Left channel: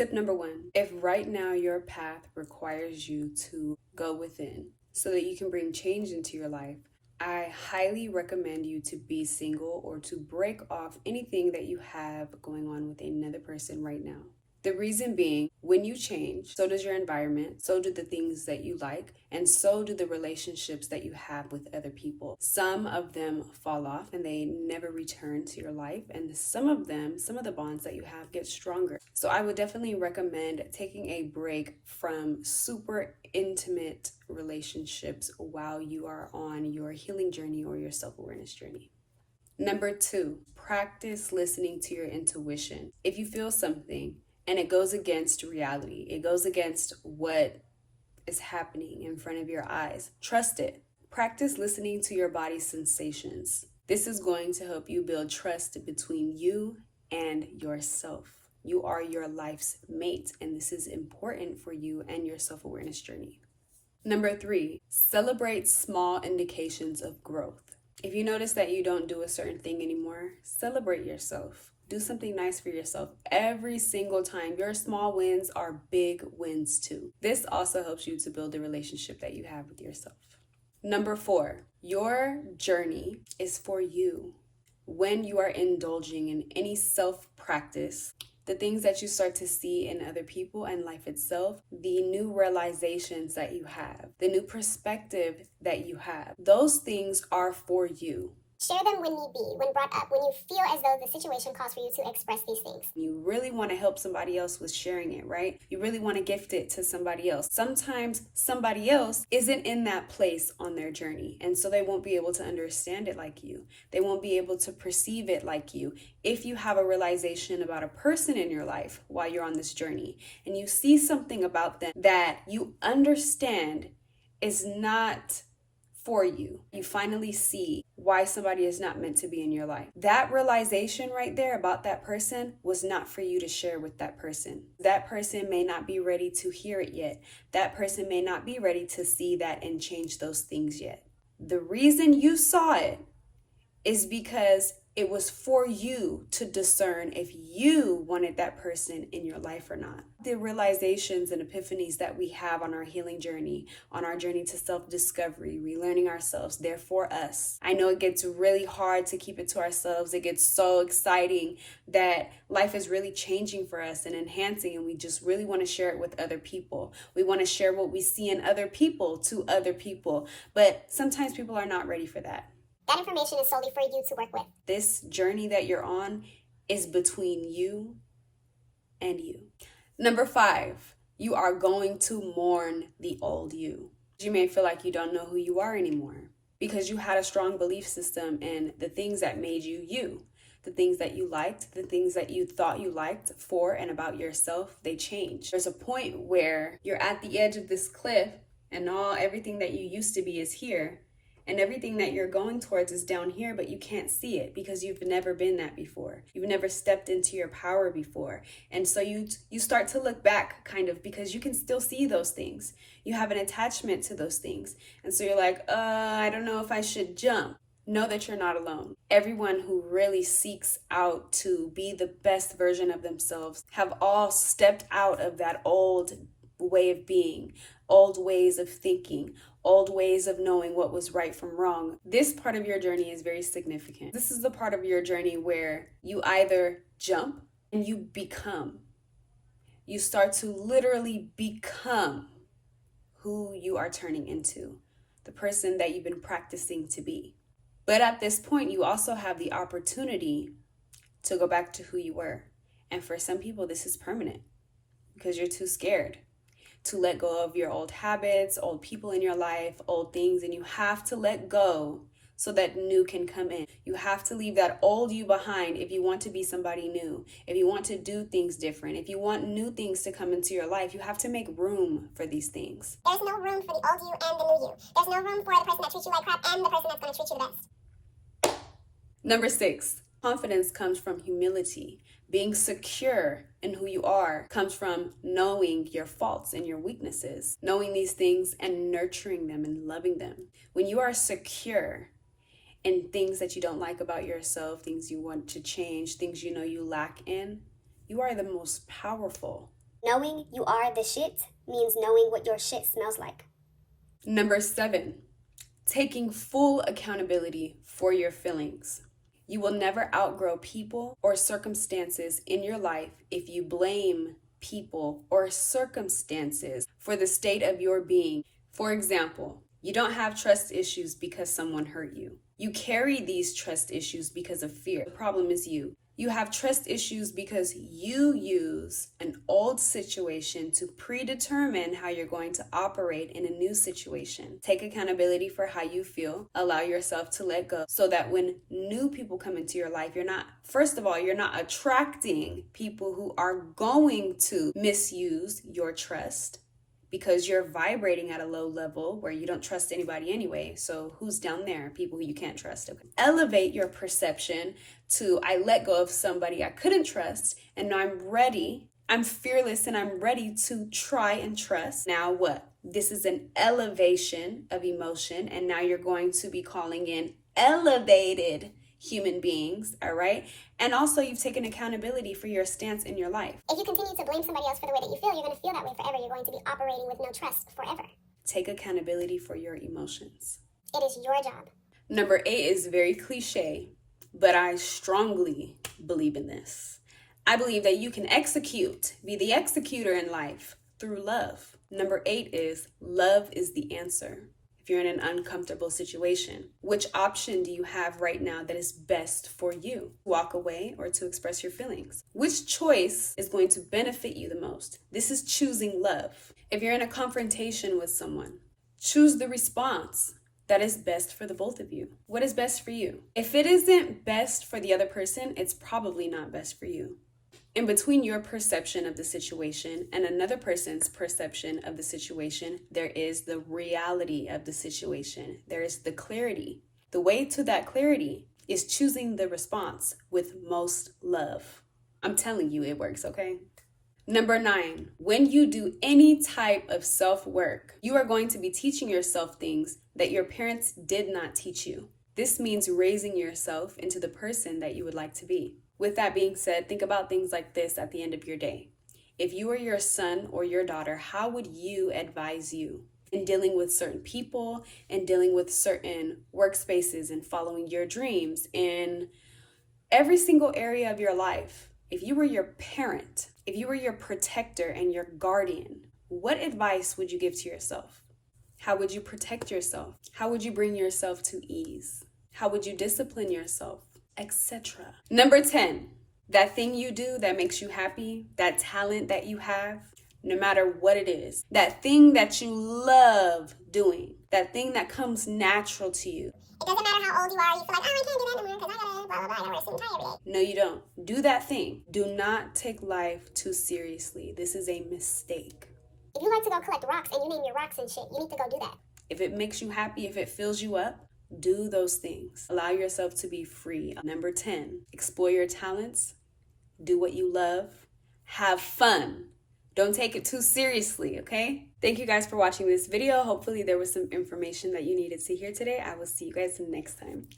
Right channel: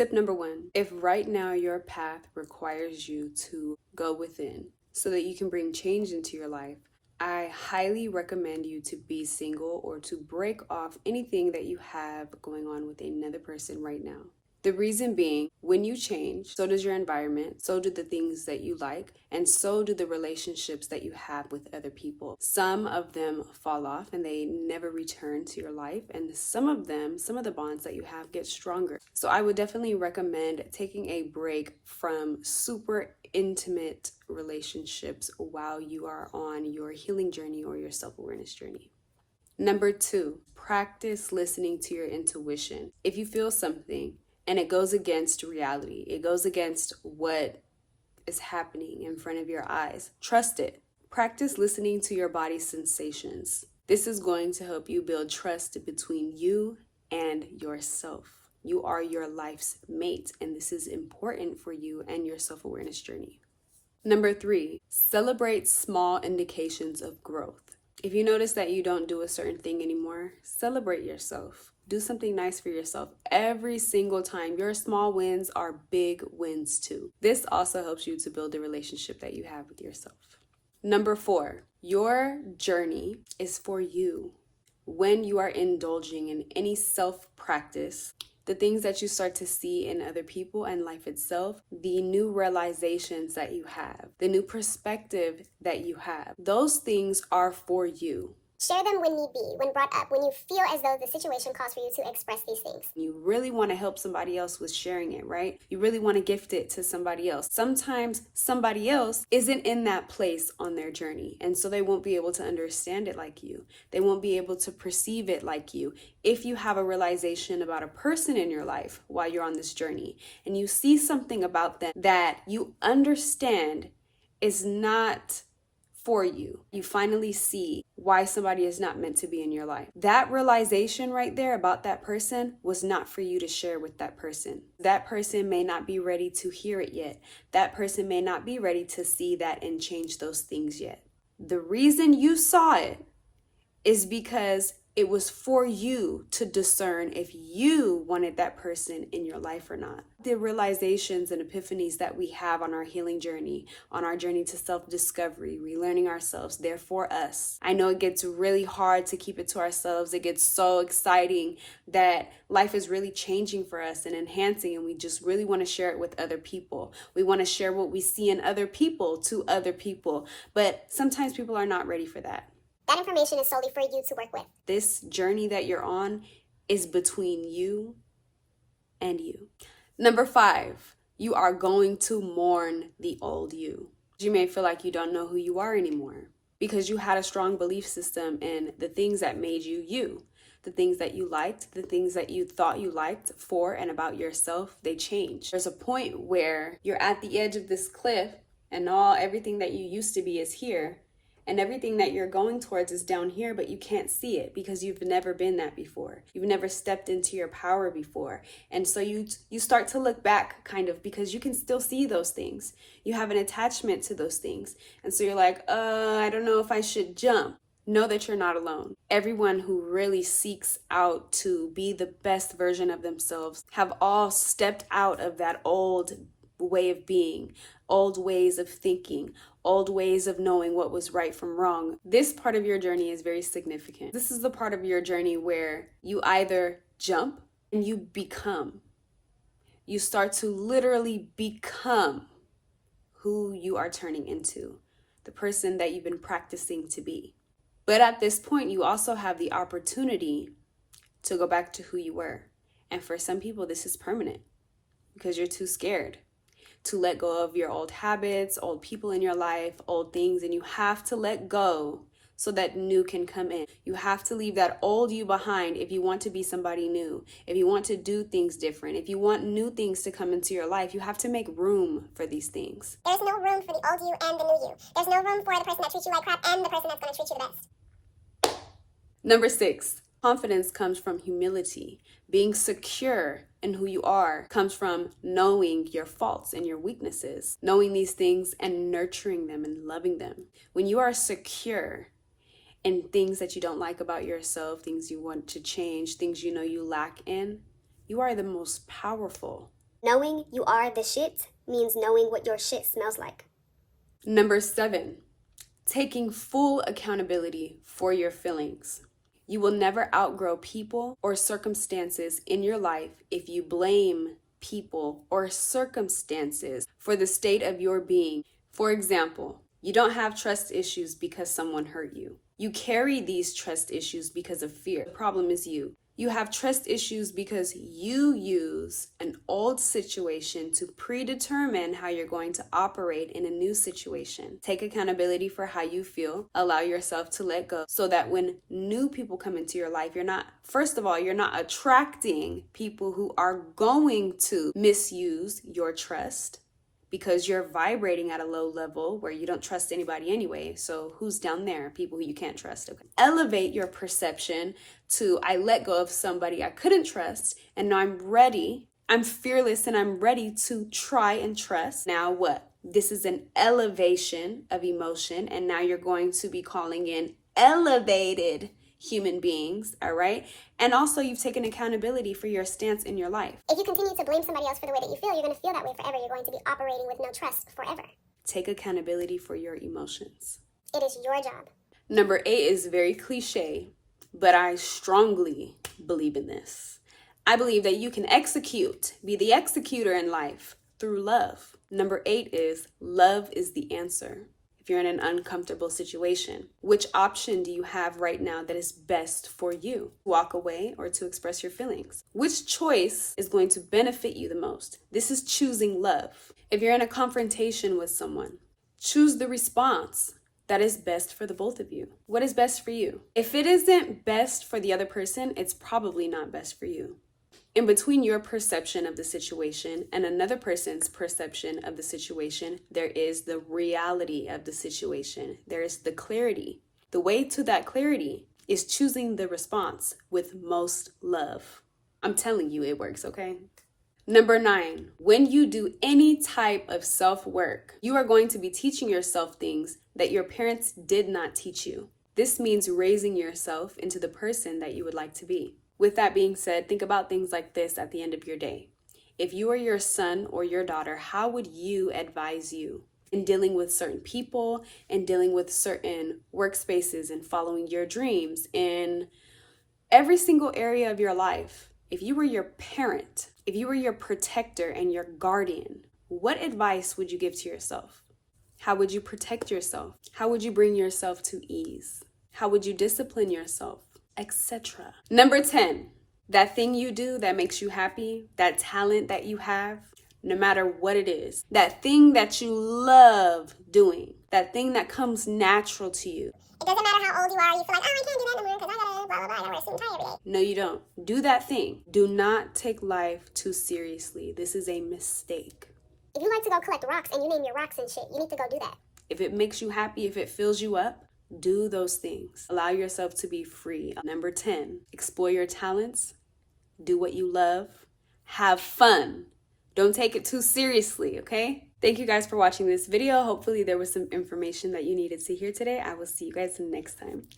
Tip number 1, if right now your path requires you to go within so that you can bring change into your life, I highly recommend you to be single or to break off anything that you have going on with another person right now. The reason being, when you change, so does your environment, so do the things that you like, and so do the relationships that you have with other people. Some of them fall off and they never return to your life, and some of the bonds that you have get stronger. So I would definitely recommend taking a break from super intimate relationships while you are on your healing journey or your self-awareness journey. Number 2, practice listening to your intuition. If you feel something, and it goes against reality, it goes against what is happening in front of your eyes, trust it. Practice listening to your body's sensations. This is going to help you build trust between you and yourself. You are your life's mate, and this is important for you and your self-awareness journey. Number 3, celebrate small indications of growth. If you notice that you don't do a certain thing anymore, celebrate yourself. Do something nice for yourself every single time. Your small wins are big wins too. This also helps you to build the relationship that you have with yourself. Number 4, your journey is for you. When you are indulging in any self-practice, the things that you start to see in other people and life itself, the new realizations that you have, the new perspective that you have, those things are for you. Share them when need be, when brought up, when you feel as though the situation calls for you to express these things. You really want to help somebody else with sharing it, right? You really want to gift it to somebody else. Sometimes somebody else isn't in that place on their journey, and so they won't be able to understand it like you. They won't be able to perceive it like you. If you have a realization about a person in your life while you're on this journey, and you see something about them that you understand is not for you, you finally see why somebody is not meant to be in your life. That realization right there about that person was not for you to share with that person. That person may not be ready to hear it yet. That person may not be ready to see that and change those things yet. The reason you saw it is because it was for you to discern if you wanted that person in your life or not. The realizations and epiphanies that we have on our healing journey, on our journey to self-discovery, relearning ourselves, they're for us. I know it gets really hard to keep it to ourselves. It gets so exciting that life is really changing for us and enhancing, and we just really want to share it with other people. We want to share what we see in other people to other people, but sometimes people are not ready for that. That information is solely for you to work with. This journey that you're on is between you and you. Number 5, you are going to mourn the old you. You may feel like you don't know who you are anymore because you had a strong belief system in the things that made you you. The things that you liked, the things that you thought you liked for and about yourself, they change. There's a point where you're at the edge of this cliff and everything that you used to be is here. And everything that you're going towards is down here, but you can't see it because you've never been that before. You've never stepped into your power before. And so you start to look back kind of because you can still see those things. You have an attachment to those things. And so you're like, I don't know if I should jump. Know that you're not alone. Everyone who really seeks out to be the best version of themselves have all stepped out of that old way of being, old ways of thinking, old ways of knowing what was right from wrong. This part of your journey is very significant. This is the part of your journey where you either jump and you become. You start to literally become who you are turning into, the person that you've been practicing to be. But at this point, you also have the opportunity to go back to who you were. And for some people, this is permanent because you're too scared to let go of your old habits, old people in your life, old things, and you have to let go so that new can come in. You have to leave that old you behind if you want to be somebody new, if you want to do things different, if you want new things to come into your life. You have to make room for these things. There's no room for the old you and the new you. There's no room for the person that treats you like crap and the person that's going to treat you the best. Number 6, confidence comes from humility. Being secure in who you are comes from knowing your faults and your weaknesses, knowing these things and nurturing them and loving them. When you are secure in things that you don't like about yourself, things you want to change, things you know you lack in, you are the most powerful Knowing you are the shit means knowing what your shit smells like. Number 7, taking full accountability for your feelings. You will never outgrow people or circumstances in your life if you blame people or circumstances for the state of your being. For example, you don't have trust issues because someone hurt you. You carry these trust issues because of fear. The problem is you. You have trust issues because you use an old situation to predetermine how you're going to operate in a new situation. Take accountability for how you feel. Allow yourself to let go so that when new people come into your life, you're not attracting people who are going to misuse your trust, because you're vibrating at a low level where you don't trust anybody anyway. So who's down there? People who you can't trust. Okay. Elevate your perception to, I let go of somebody I couldn't trust, and now I'm ready. I'm fearless and I'm ready to try and trust. Now what? This is an elevation of emotion, and now you're going to be calling in elevated human beings, all right? And also, you've taken accountability for your stance in your life. If you continue to blame somebody else for the way that you feel, you're going to feel that way forever. You're going to be operating with no trust forever. Take accountability for your emotions. It is your job. Number 8 is very cliche, but I strongly believe in this. I believe that you can be the executor in life through love. Number 8 is love is the answer. If you're in an uncomfortable situation, which option do you have right now that is best for you? Walk away or to express your feelings? Which choice is going to benefit you the most? This is choosing love. If you're in a confrontation with someone, choose the response that is best for the both of you. What is best for you? If it isn't best for the other person, it's probably not best for you. In between your perception of the situation and another person's perception of the situation, there is the reality of the situation. There is the clarity. The way to that clarity is choosing the response with most love. I'm telling you, it works, okay? Number 9, when you do any type of self-work, you are going to be teaching yourself things that your parents did not teach you. This means raising yourself into the person that you would like to be. With that being said, think about things like this at the end of your day. If you were your son or your daughter, how would you advise you in dealing with certain people and dealing with certain workspaces and following your dreams in every single area of your life? If you were your parent, if you were your protector and your guardian, what advice would you give to yourself? How would you protect yourself? How would you bring yourself to ease? How would you discipline yourself? Etc. Number 10, that thing you do that makes you happy, that talent that you have, no matter what it is, that thing that you love doing, that thing that comes natural to you. It doesn't matter how old you are, you feel like, oh, I can't do that anymore because I gotta blah, blah, blah, I wear a suit and tie every day. No, you don't. Do that thing. Do not take life too seriously. This is a mistake. If you like to go collect rocks and you name your rocks and shit, you need to go do that. If it makes you happy, if it fills you up, do those things. Allow yourself to be free. Number 10, explore your talents. Do what you love. Have fun. Don't take it too seriously, okay? Thank you guys for watching this video. Hopefully there was some information that you needed to hear today. I will see you guys next time.